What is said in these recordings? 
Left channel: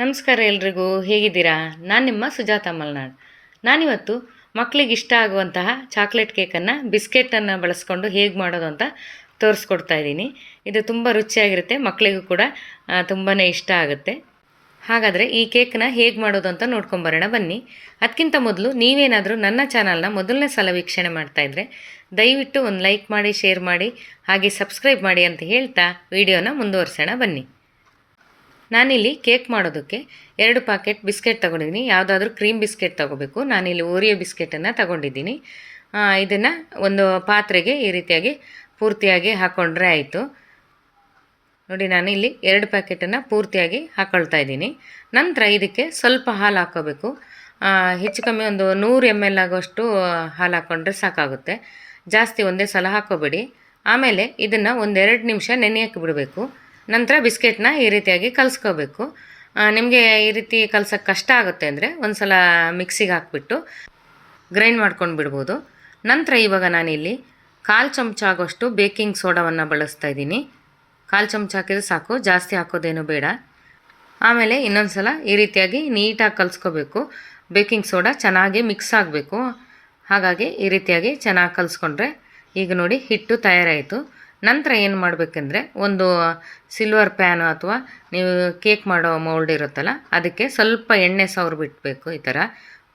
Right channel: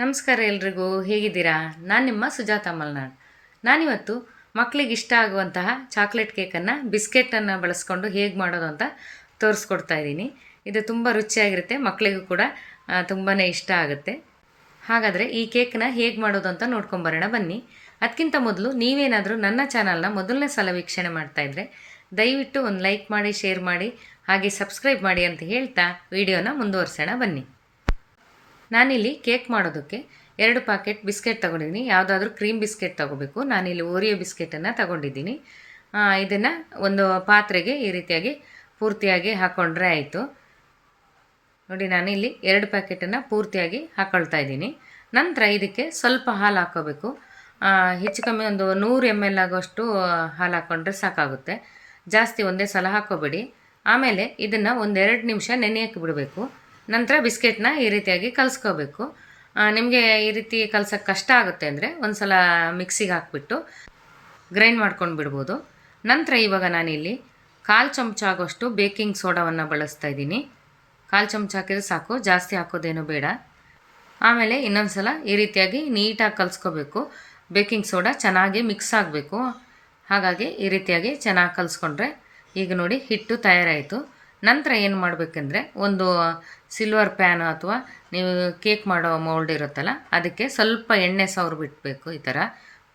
ನಮಸ್ಕಾರ ಎಲ್ರಿಗೂ, ಹೇಗಿದ್ದೀರಾ? ನಾನು ನಿಮ್ಮ ಸುಜಾತ ಮಲ್ನಾಡ್. ನಾನಿವತ್ತು ಮಕ್ಕಳಿಗೆ ಇಷ್ಟ ಆಗುವಂತಹ ಚಾಕ್ಲೇಟ್ ಕೇಕನ್ನು ಬಿಸ್ಕೆಟನ್ನು ಬಳಸ್ಕೊಂಡು ಹೇಗೆ ಮಾಡೋದು ಅಂತ ತೋರಿಸ್ಕೊಡ್ತಾ ಇದ್ದೀನಿ. ಇದು ತುಂಬ ರುಚಿಯಾಗಿರುತ್ತೆ, ಮಕ್ಕಳಿಗೂ ಕೂಡ ತುಂಬಾ ಇಷ್ಟ ಆಗುತ್ತೆ. ಹಾಗಾದರೆ ಈ ಕೇಕನ್ನ ಹೇಗೆ ಮಾಡೋದು ಅಂತ ನೋಡ್ಕೊಂಬರೋಣ ಬನ್ನಿ. ಅದಕ್ಕಿಂತ ಮೊದಲು ನೀವೇನಾದರೂ ನನ್ನ ಚಾನಲ್ನ ಮೊದಲನೇ ಸಲ ವೀಕ್ಷಣೆ ಮಾಡ್ತಾಯಿದ್ರೆ ದಯವಿಟ್ಟು ಒಂದು ಲೈಕ್ ಮಾಡಿ, ಶೇರ್ ಮಾಡಿ, ಹಾಗೆ ಸಬ್ಸ್ಕ್ರೈಬ್ ಮಾಡಿ ಅಂತ ಹೇಳ್ತಾ ವಿಡಿಯೋನ ಮುಂದುವರ್ಸೋಣ ಬನ್ನಿ. ನಾನಿಲ್ಲಿ ಕೇಕ್ ಮಾಡೋದಕ್ಕೆ 2 ಪ್ಯಾಕೆಟ್ ಬಿಸ್ಕೆಟ್ ತೊಗೊಂಡಿದ್ದೀನಿ. ಯಾವುದಾದ್ರೂ ಕ್ರೀಮ್ ಬಿಸ್ಕೆಟ್ ತೊಗೋಬೇಕು. ನಾನಿಲ್ಲಿ ಓರಿಯೋ ಬಿಸ್ಕೆಟನ್ನು ತಗೊಂಡಿದ್ದೀನಿ. ಇದನ್ನು ಒಂದು ಪಾತ್ರೆಗೆ ಈ ರೀತಿಯಾಗಿ ಪೂರ್ತಿಯಾಗಿ ಹಾಕ್ಕೊಂಡ್ರೆ ಆಯಿತು. ನೋಡಿ, ನಾನಿಲ್ಲಿ 2 ಪ್ಯಾಕೆಟನ್ನು ಪೂರ್ತಿಯಾಗಿ ಹಾಕ್ಕೊಳ್ತಾ ಇದ್ದೀನಿ. ನಂತರ ಇದಕ್ಕೆ ಸ್ವಲ್ಪ ಹಾಲು ಹಾಕ್ಕೋಬೇಕು. ಹೆಚ್ಚು ಕಮ್ಮಿ ಒಂದು 100 ml ಆಗೋಷ್ಟು ಹಾಲು ಹಾಕ್ಕೊಂಡ್ರೆ ಸಾಕಾಗುತ್ತೆ. ಜಾಸ್ತಿ ಒಂದೇ ಸಲ ಹಾಕ್ಕೋಬೇಡಿ. ಆಮೇಲೆ ಇದನ್ನು 1-2 ನಿಮಿಷ ನೆನೆಯೋಕ್ಕೆ ಬಿಡಬೇಕು. ನಂತರ ಬಿಸ್ಕೆಟ್ನ ಈ ರೀತಿಯಾಗಿ ಕಲಿಸ್ಕೋಬೇಕು. ನಿಮಗೆ ಈ ರೀತಿ ಕಲ್ಸೋಕ್ಕೆ ಕಷ್ಟ ಆಗುತ್ತೆ ಅಂದರೆ ಒಂದು ಸಲ ಮಿಕ್ಸಿಗೆ ಹಾಕ್ಬಿಟ್ಟು ಗ್ರೈಂಡ್ ಮಾಡ್ಕೊಂಡು ಬಿಡ್ಬೋದು. ನಂತರ ಇವಾಗ ನಾನಿಲ್ಲಿ 1/4 ಚಮಚ ಆಗೋಷ್ಟು ಬೇಕಿಂಗ್ ಸೋಡಾವನ್ನು ಬಳಸ್ತಾ ಇದ್ದೀನಿ. 1/4 ಚಮಚ ಹಾಕಿದ್ರೆ ಸಾಕು, ಜಾಸ್ತಿ ಹಾಕೋದೇನು ಬೇಡ. ಆಮೇಲೆ ಇನ್ನೊಂದು ಸಲ ಈ ರೀತಿಯಾಗಿ ನೀಟಾಗಿ ಕಲಿಸ್ಕೋಬೇಕು. ಬೇಕಿಂಗ್ ಸೋಡಾ ಚೆನ್ನಾಗಿ ಮಿಕ್ಸ್ ಆಗಬೇಕು. ಹಾಗಾಗಿ ಈ ರೀತಿಯಾಗಿ ಚೆನ್ನಾಗಿ ಕಲಿಸ್ಕೊಂಡ್ರೆ ಈಗ ನೋಡಿ ಹಿಟ್ಟು ತಯಾರಾಯಿತು. ನಂತರ ಏನು ಮಾಡಬೇಕೆಂದ್ರೆ ಒಂದು ಸಿಲ್ವರ್ ಪ್ಯಾನು ಅಥವಾ ನೀವು ಕೇಕ್ ಮಾಡೋ ಮೌಲ್ಡ್ ಇರುತ್ತಲ್ಲ, ಅದಕ್ಕೆ ಸ್ವಲ್ಪ ಎಣ್ಣೆ ಸವರ್ಬಿಟ್ಬೇಕು. ಈ ಥರ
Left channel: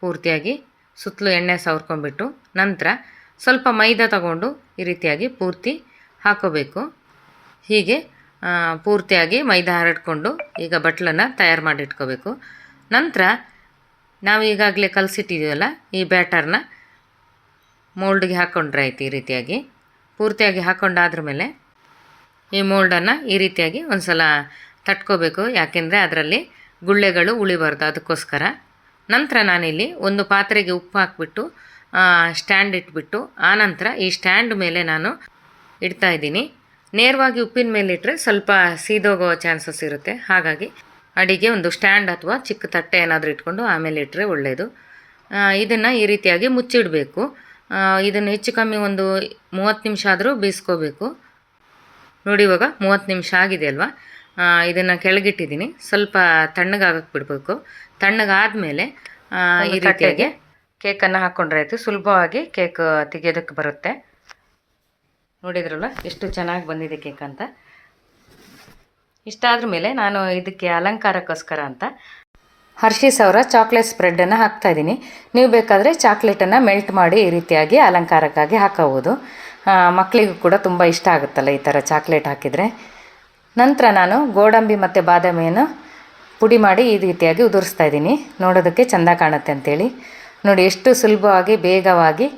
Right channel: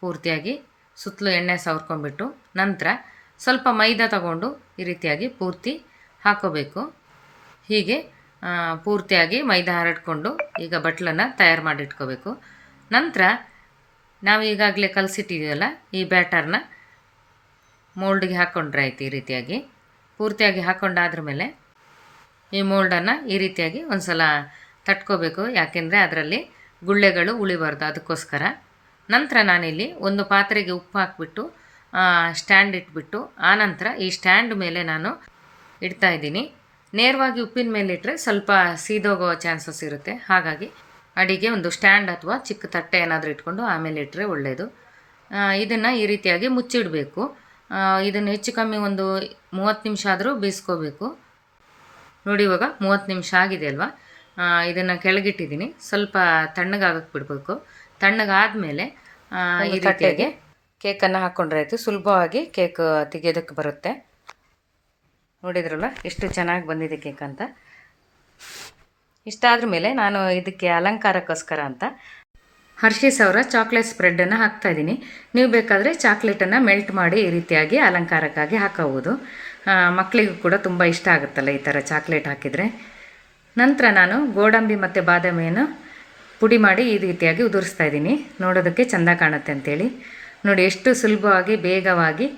ಪೂರ್ತಿಯಾಗಿ ಸುತ್ತಲೂ ಎಣ್ಣೆ ಸವರ್ಕೊಂಡ್ಬಿಟ್ಟು ನಂತರ ಸ್ವಲ್ಪ ಮೈದಾ ತಗೊಂಡು ಈ ರೀತಿಯಾಗಿ ಪೂರ್ತಿ ಹಾಕೋಬೇಕು. ಹೀಗೆ ಪೂರ್ತಿಯಾಗಿ ಮೈದಾ ಹರಡ್ಕೊಂಡು ಈಗ ಬಟ್ಲನ್ನು ತಯಾರು ಮಾಡಿಟ್ಕೋಬೇಕು. ನಂತರ ನಾವು ಈಗಾಗಲೇ ಕಲಸಿಟ್ಟಿದ್ದೀವಲ್ಲ ಈ ಬ್ಯಾಟರ್ನ ಮೋಲ್ಡ್ಗೆ ಹಾಕ್ಕೊಂಡ್ರೆ ಆಯ್ತು. ಈ ರೀತಿಯಾಗಿ ಪೂರ್ತಿಯಾಗಿ ಹಾಕ್ಕೊಂಡಾದ್ರ ಮೇಲೆ ಈ ಮೋಲ್ಡನ್ನು ಈ ರೀತಿಯಾಗಿ ಒಂದು ಸಲ ತಟ್ಕೋಬೇಕು. ಯಾಕೆಂದರೆ ಅದರಲ್ಲಿ ಗುಳ್ಳೆಗಳು ಉಳಿಬಾರ್ದು, ಅದಕ್ಕೋಸ್ಕರ. ನಂತರ ನಾನಿಲ್ಲಿ ಒಂದು ಪಾತ್ರೆಗೆ ಉಪ್ಪು ಹಾಕ್ಬಿಟ್ಟು ಸ್ಟ್ಯಾಂಡ್ ಇಟ್ಬಿಟ್ಟು ಆನಂತರ ಈ ಸ್ಟ್ಯಾಂಡ್ ಮೇಲೆ ನಾನು ಇಡ್ತಾಯಿದ್ದೀನಿ. ನೇರವಾಗಿ ಉಪ್ಪಿನ ಮೇಲೆ ಇಟ್ಟರೆ ಸ್ವಲ್ಪ ಸೀದೋಗೋ ಚಾನ್ಸಸ್ ಇರುತ್ತೆ. ಹಾಗಾಗಿ ಅಡಿಗೆ ಒಂದು ಸ್ಟ್ಯಾಂಡ್ ಅಥವಾ ಚಿಕ್ಕ ತಟ್ಟೆ ಏನಾದರೂ ಇಟ್ಕೊಂಡು ಆಮೇಲೆ ಇಟ್ಟರೆ ಒಳ್ಳೆಯದು. ಇದನ್ನು ಈ ರೀತಿಯಾಗಿ ಮುಚ್ಚಿಡಬೇಕು. ಇದನ್ನು ಹೆಚ್ಚು ಕಮ್ಮಿ ಒಂದು 30 ನಿಮಿಷ ಆದರೂ ಬೇಯಿಸ್ಕೋಬೇಕು. ನೋಡಿ, ಇವಾಗ 30 ನಿಮಿಷ ಆಗಿದೆ ಅಲ್ವಾ. ಇದನ್ನು ಕೆಳಗಿಟ್ಟಿದ್ದೀನಿ. ಸ್ವಲ್ಪ ತಣ್ಣಗಾಗಕ್ಕೆ ಬಿಡಬೇಕು. ತಣ್ಣಗಾದಮೇಲೆ ಈ ರೀತಿಯಾಗಿ ಕೇಕನ್ನು ಹಾಕ್ಕೊಂಡ್ರೆ ಆಯಿತು. ಸುಲಭವಾಗಿ ಕೇಕ್ ತೆಗೆಯೋದಕ್ಕೆ ಬರುತ್ತೆ. ನೋಡಿದ್ರಲ್ಲ ಎಷ್ಟು ಚೆನ್ನಾಗಿ ಬಂದಿದೆ ಕೇಕ್ ಅಂತ. ಇಷ್ಟಾದ್ರ ಮೇಲೆ ನಾನು ಇದಕ್ಕೆ ಅಲಂಕಾರಕ್ಕೋಸ್ಕರ ಅಂತ ಹರ್ಷೀಸ್ ಅವರ ಚಾಕ್ಲೇಟ್ ಸ್ಪ್ರೆಡ್ಡನ್ನು ಹಾಕ್ತಾಯಿದ್ದೀನಿ. ನೀವು ಬೇಕಾದರೆ ಚಾಕ್ಲೇಟನ್ನು ಮೆಲ್ಟ್ ಮಾಡಿ ಈ ರೀತಿಯಾಗಿ ಅಲಂಕಾರಕ್ಕಾಗಿ ಹಾಕೋಬೋದು. ಮಕ್ಕಳಿಗೂ ಕೂಡ ತುಂಬ ಇಷ್ಟ ಆಗುತ್ತಲ್ಲ ಈ ಥರ ಚಾಕ್ಲೇಟ್ ಹಾಕಿದರೆ. ನಂತರ ನಾನು ಗೋಡಂಬಿ ಮತ್ತು ಬಾದಾಮಿಯನ್ನು ಪುಡಿ ಮಾಡಿ ಈ ರೀತಿಯಾಗಿ ಉದುರಿಸ್ತಾ ಇದ್ದೀನಿ, ನೋಡೋದಕ್ಕೆ ಚೆಂದ ಕಾಣುತ್ತೆ ಅಂಥೇಳಿ. ನೋಡಿ ಎಷ್ಟು ಸುಲಭವಾಗಿ ಬೇಗವಾಗಿ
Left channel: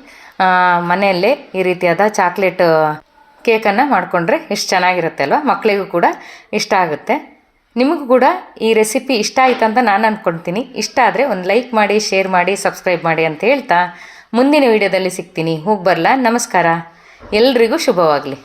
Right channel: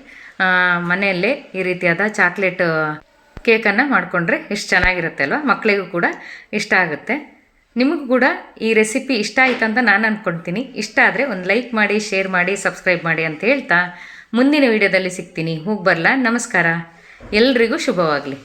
ಮನೆಯಲ್ಲೇ ಈ ರೀತಿಯಾದ ಚಾಕ್ಲೇಟ್ ಕೇಕನ್ನು ಮಾಡಿಕೊಂಡ್ರೆ ಎಷ್ಟು ಚೆನ್ನಾಗಿರುತ್ತೆ ಅಲ್ವ. ಮಕ್ಕಳಿಗೂ ಕೂಡ ಇಷ್ಟ ಆಗುತ್ತೆ. ನಿಮಗೂ ಕೂಡ ಈ ರೆಸಿಪಿ ಇಷ್ಟ ಆಯಿತು ಅಂತ ನಾನು ಅಂದ್ಕೊಳ್ತೀನಿ. ಇಷ್ಟ ಆದರೆ ಒಂದು ಲೈಕ್ ಮಾಡಿ, ಶೇರ್ ಮಾಡಿ, ಸಬ್ಸ್ಕ್ರೈಬ್ ಮಾಡಿ ಅಂತ ಹೇಳ್ತಾ ಮುಂದಿನ ವಿಡಿಯೋದಲ್ಲಿ ಸಿಗ್ತೀನಿ. ಹೋಗಿ ಬರಲಾ? ನಮಸ್ಕಾರ. ಎಲ್ರಿಗೂ ಶುಭವಾಗಲಿ.